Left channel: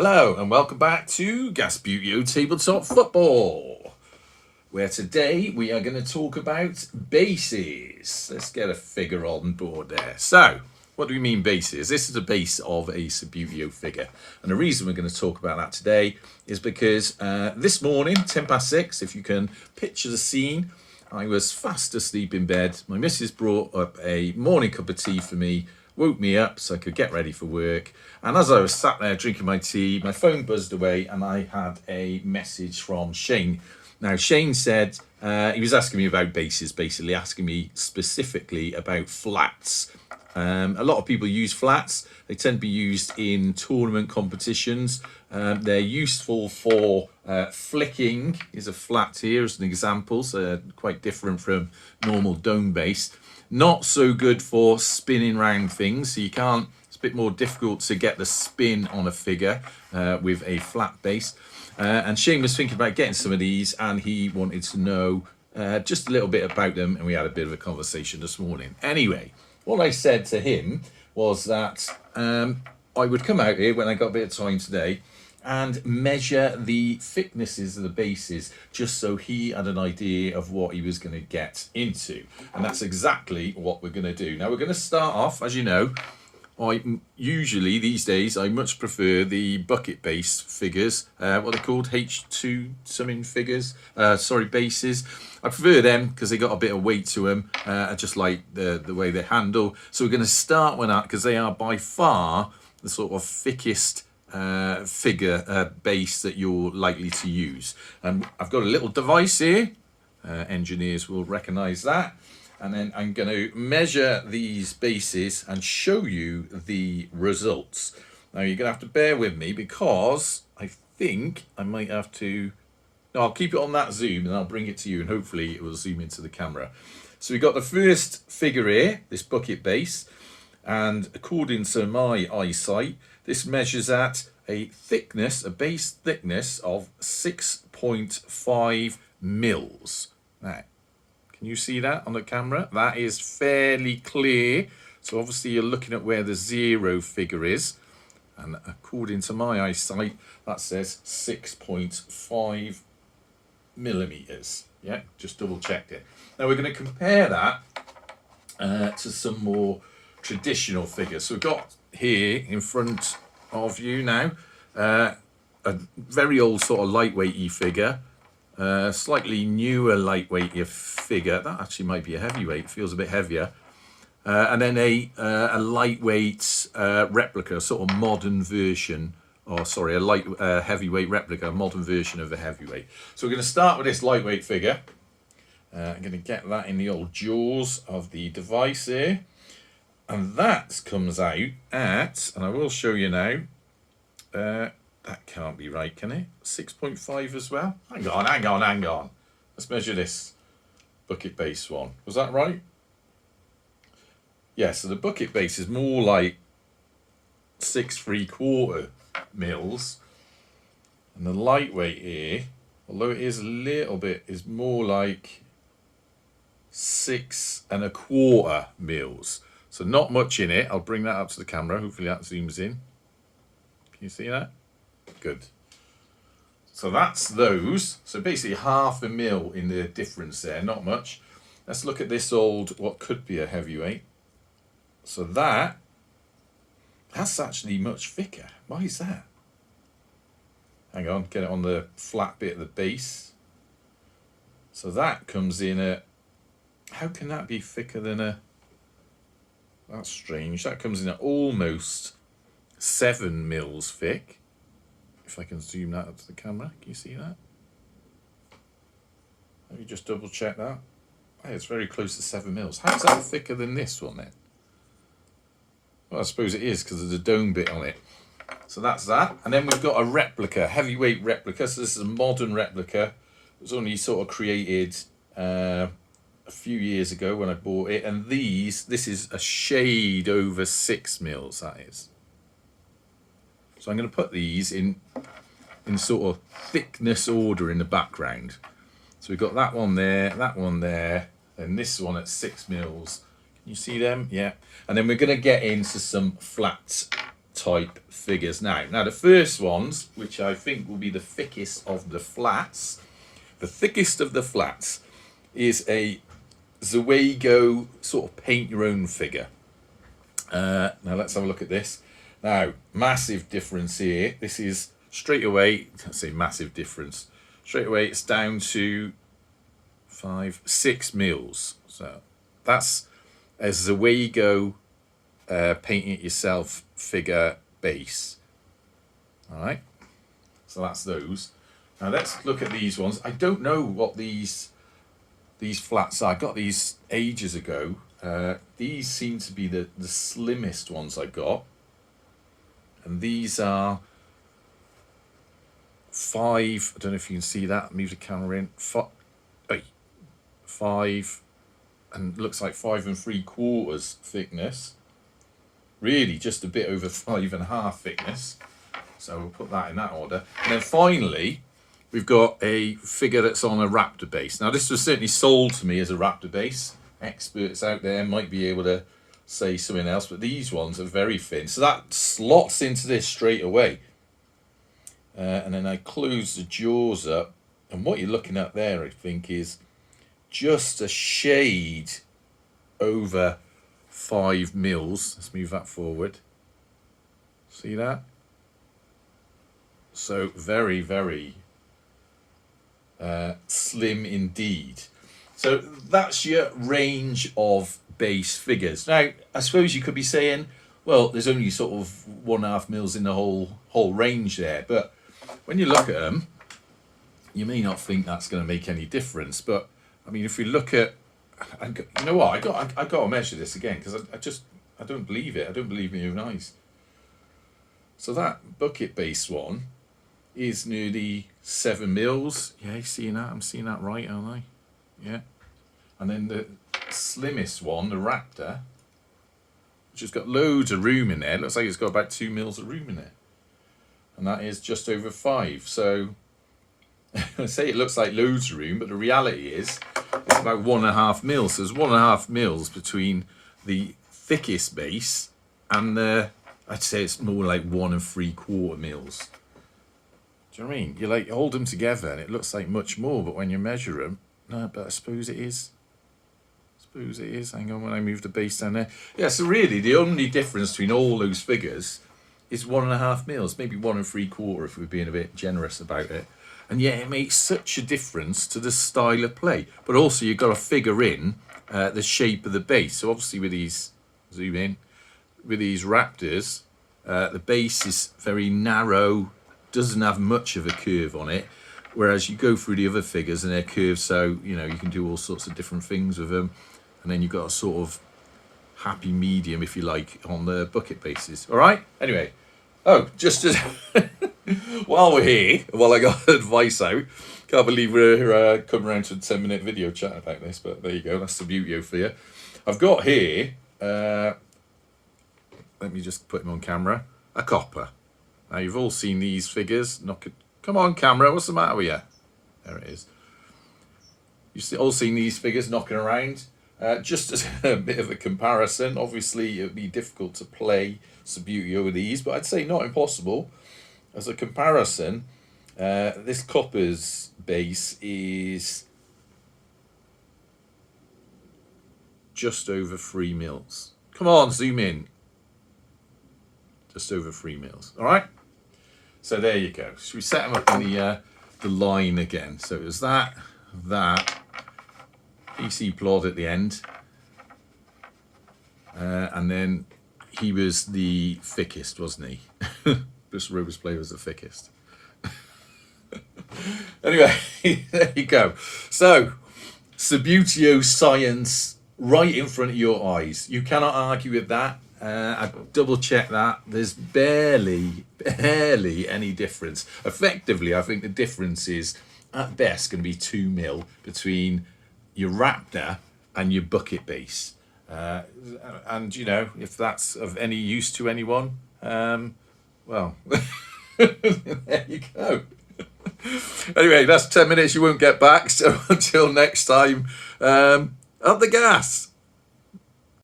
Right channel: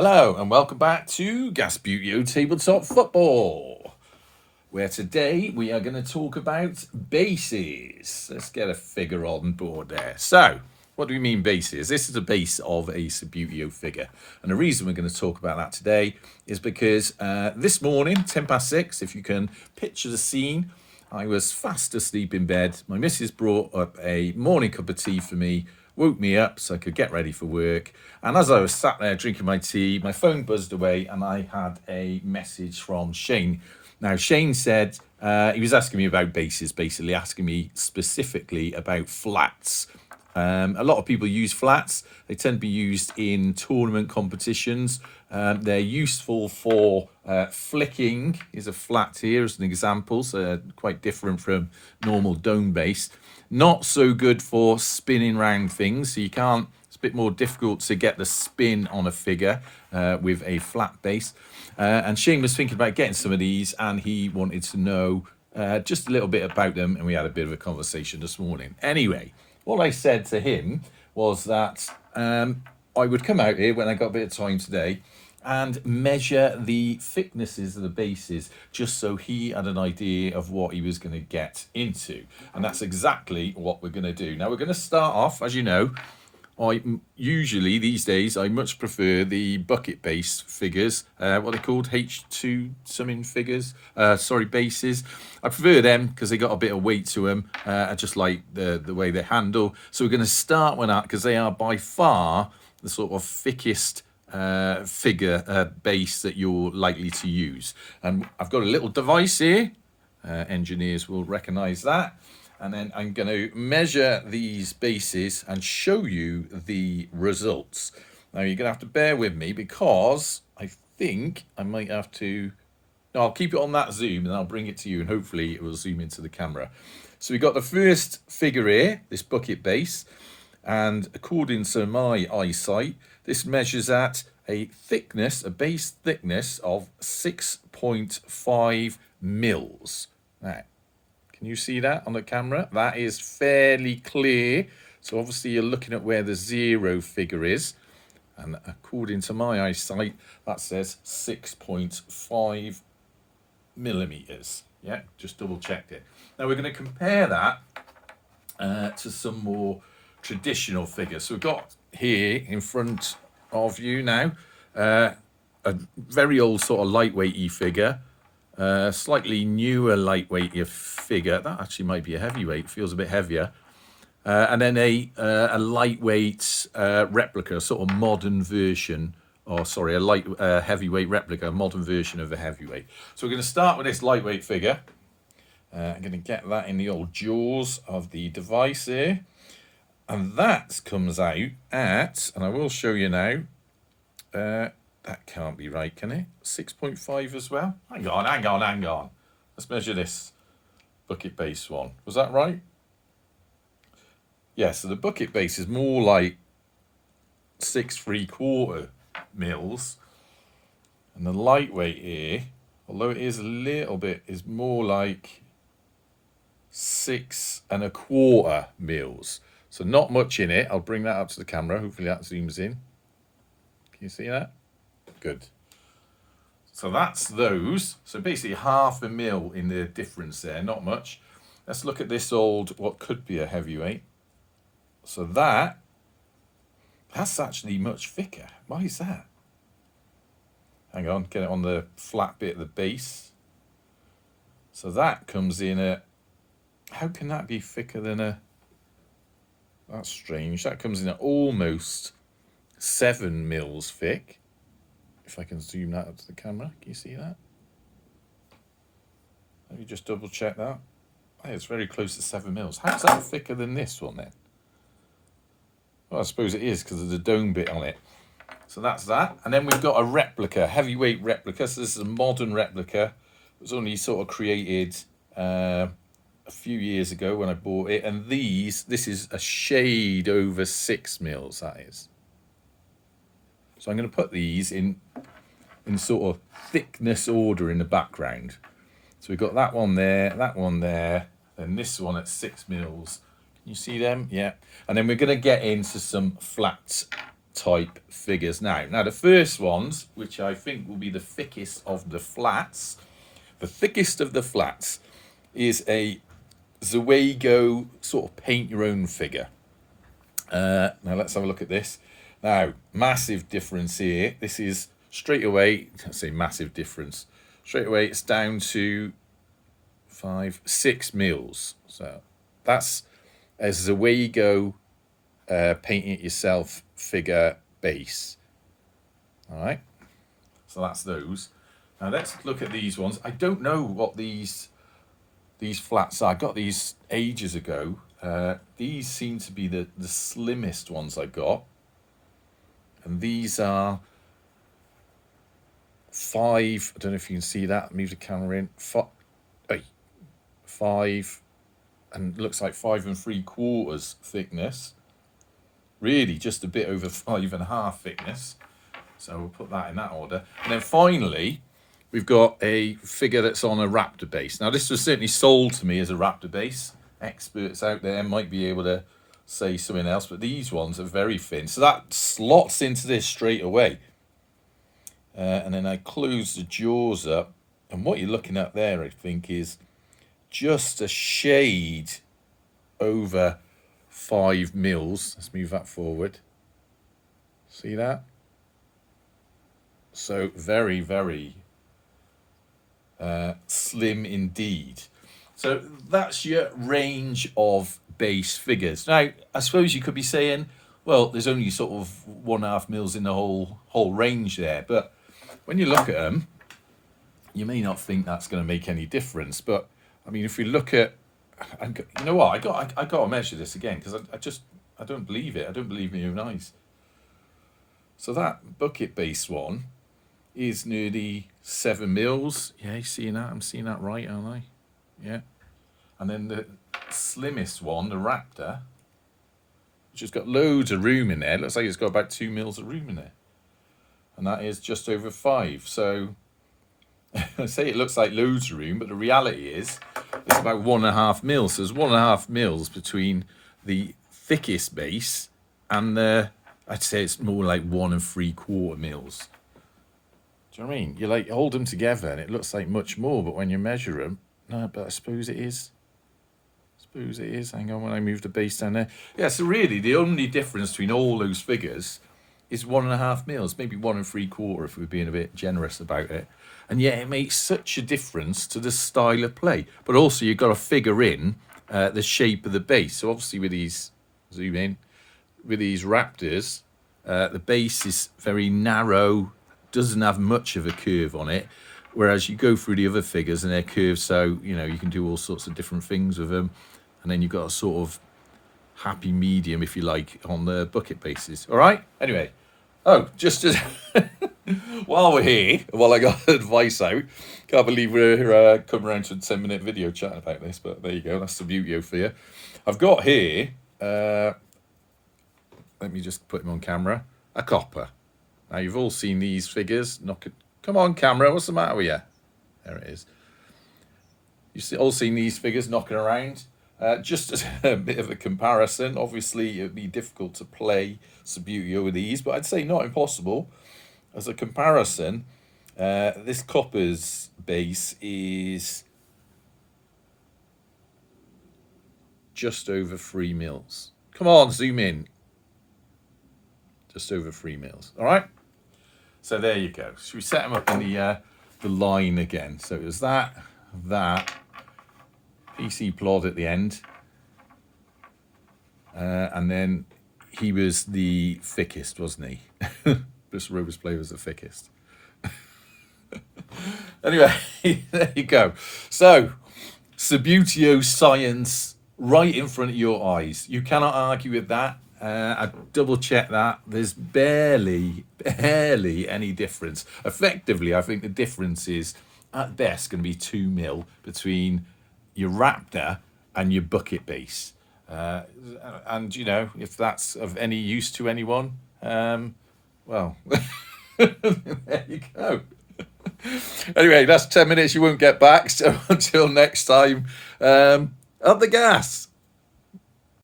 Hello and welcome back to Gasputio Tabletop Football, where today we are going to talk about bases. Let's get a figure on board there. So, what do we mean bases? This is a base of a Subbuteo figure. And the reason we're going to talk about that today is because this morning, 6:10, if you can picture the scene, I was fast asleep in bed. My missus brought up a morning cup of tea for me, woke me up so I could get ready for work. And as I was sat there drinking my tea, my phone buzzed away and I had a message from Shane. Now, Shane said he was asking me about bases, basically asking me specifically about flats. A lot of people use flats. They tend to be used in tournament competitions. They're useful for flicking. Is a flat here as an example, so quite different from normal dome base. Not so good for spinning round things, so you can't. It's a bit more difficult to get the spin on a figure with a flat base. And Shane was thinking about getting some of these, and he wanted to know just a little bit about them, and we had a bit of a conversation this morning. Anyway, what I said to him was that I would come out here when I got a bit of time today and measure the thicknesses of the bases just so he had an idea of what he was going to get into. And that's exactly what we're going to do. Now, we're going to start off, as you know, usually these days I much prefer the bucket base figures, what they're called, H2 something figures, bases. I prefer them because they got a bit of weight to them. I just like the way they handle. So we're going to start with that because they are by far the sort of thickest figure base that you're likely to use. And I've got a little device here. Engineers will recognize that. And then I'm going to measure these bases and show you the results. Now, you're going to have to bear with me because I think I might have to... No, I'll keep it on that zoom and I'll bring it to you and hopefully it will zoom into the camera. So we've got the first figure here, this bucket base. And according to my eyesight, this measures at a thickness, a base thickness of 6.5 mils. Now, can you see that on the camera? That is fairly clear. So obviously you're looking at where the 0 figure is. And according to my eyesight, that says 6.5 millimeters. Yeah, just double checked it. Now we're going to compare that to some more traditional figures. So we've got here in front of you now a very old sort of lightweighty figure. Slightly newer lightweight figure. That actually might be a heavyweight. Feels a bit heavier. And then a lightweight replica, sort of modern version. Or sorry, a light heavyweight replica, modern version of a heavyweight. So we're going to start with this lightweight figure. I'm going to get that in the old jaws of the device here. And that comes out at, and I will show you now, that can't be right, can it? 6.5 as well? Hang on. Let's measure this bucket base one. Was that right? Yeah, so the bucket base is more like 6.75 mils. And the lightweight here, although it is a little bit, is more like 6.25 mils. So not much in it. I'll bring that up to the camera. Hopefully that zooms in. Can you see that? Good. So that's those. So basically 0.5 mil in the difference there. Not much. Let's look at this old, what could be a heavyweight. So that's actually much thicker. Why is that? Hang on, get it on the flat bit of the base. So that comes in at, how can that be thicker than a, that's strange. That comes in at almost 7 mils thick. If I can zoom that up to the camera, can you see that? Let me just double check that. Hey, it's very close to 7 mils. How's that thicker than this one then? Well, I suppose it is because of the dome bit on it. So that's that. And then we've got a replica, heavyweight replica. So this is a modern replica. It was only sort of created a few years ago when I bought it. And this is a shade over 6 mils, that is. So I'm going to put these in sort of thickness order in the background. So we've got that one there, and this one at 6 mils. Can you see them? Yeah. And then we're going to get into some flat type figures now. Now the first ones, which I think will be the thickest of the flats, is a Zweego sort of paint your own figure. Now let's have a look at this. Now, massive difference here. This is straight away, I say massive difference. Straight away it's down to 6 mils. So that's a Zweego painting it yourself figure base. All right, so that's those. Now let's look at these ones. I don't know what these flats are. I got these ages ago. These seem to be the slimmest ones I got, and these are 5. I don't know if you can see that. Move the camera in. 5, and looks like 5 3/4 thickness. Really, just a bit over 5.5 thickness. So we'll put that in that order. And then finally, we've got a figure that's on a Raptor base. Now, this was certainly sold to me as a Raptor base. Experts out there might be able to say something else, but these ones are very thin. So that slots into this straight away. And then I close the jaws up. And what you're looking at there, I think, is just a shade over 5 mils. Let's move that forward. See that? So very, very slim indeed. So that's your range of base figures. Now, I suppose you could be saying, well, there's only sort of 1.5 mils in the whole range there. But when you look at them, you may not think that's going to make any difference. But I mean, if we look at, you know what, I got to measure this again, because I don't believe it. I don't believe my own eyes. So that bucket base one is nearly 7 mils. Yeah, you seeing that? I'm seeing that right, aren't I? Yeah. And then the slimmest one, the Raptor, which has got loads of room in there. It looks like it's got about 2 mils of room in there. And that is just over 5. So I say it looks like loads of room, but the reality is it's about 1.5 mils. So there's 1.5 mils between the thickest base and the, I'd say it's more like 1 3/4 mils. Do you know what I mean? You like hold them together and it looks like much more, but when you measure them, no, but I suppose it is. Hang on, when I move the base down there. Yeah, so really the only difference between all those figures is 1.5 mils, maybe 1 3/4 if we're being a bit generous about it. And yet it makes such a difference to the style of play. But also you've got to figure in the shape of the base. So obviously with these, zoom in, with these Raptors, the base is very narrow, doesn't have much of a curve on it. Whereas you go through the other figures and they're curved, so, you know, you can do all sorts of different things with them. And then you've got a sort of happy medium, if you like, on the bucket bases. All right? Anyway. Oh, just as while we're here, while I got advice out, can't believe we're coming around to a 10-minute video chatting about this, but there you go, that's the beauty of you. I've got here, let me just put them on camera, a copper. Now, you've all seen these figures. Come on, camera, what's the matter with you? There it is. You've all seen these figures knocking around. Just as a bit of a comparison, obviously it would be difficult to play Subbuteo with these, but I'd say not impossible. As a comparison, this copper's base is just over 3 mils. Come on, zoom in. Just over 3 mils. All right. So there you go. Should we set them up in the line again? So it was that. PC plod at the end, and then he was the thickest, wasn't he? This Rose Play was the thickest. Anyway, there you go. So, Subbuteo science right in front of your eyes. You cannot argue with that. I double checked that. There's barely any difference. Effectively, I think the difference is at best going to be 2 mil between your Raptor and your bucket base. And, you know, if that's of any use to anyone, well, there you go. Anyway, that's 10 minutes you won't get back. So until next time, up the gas.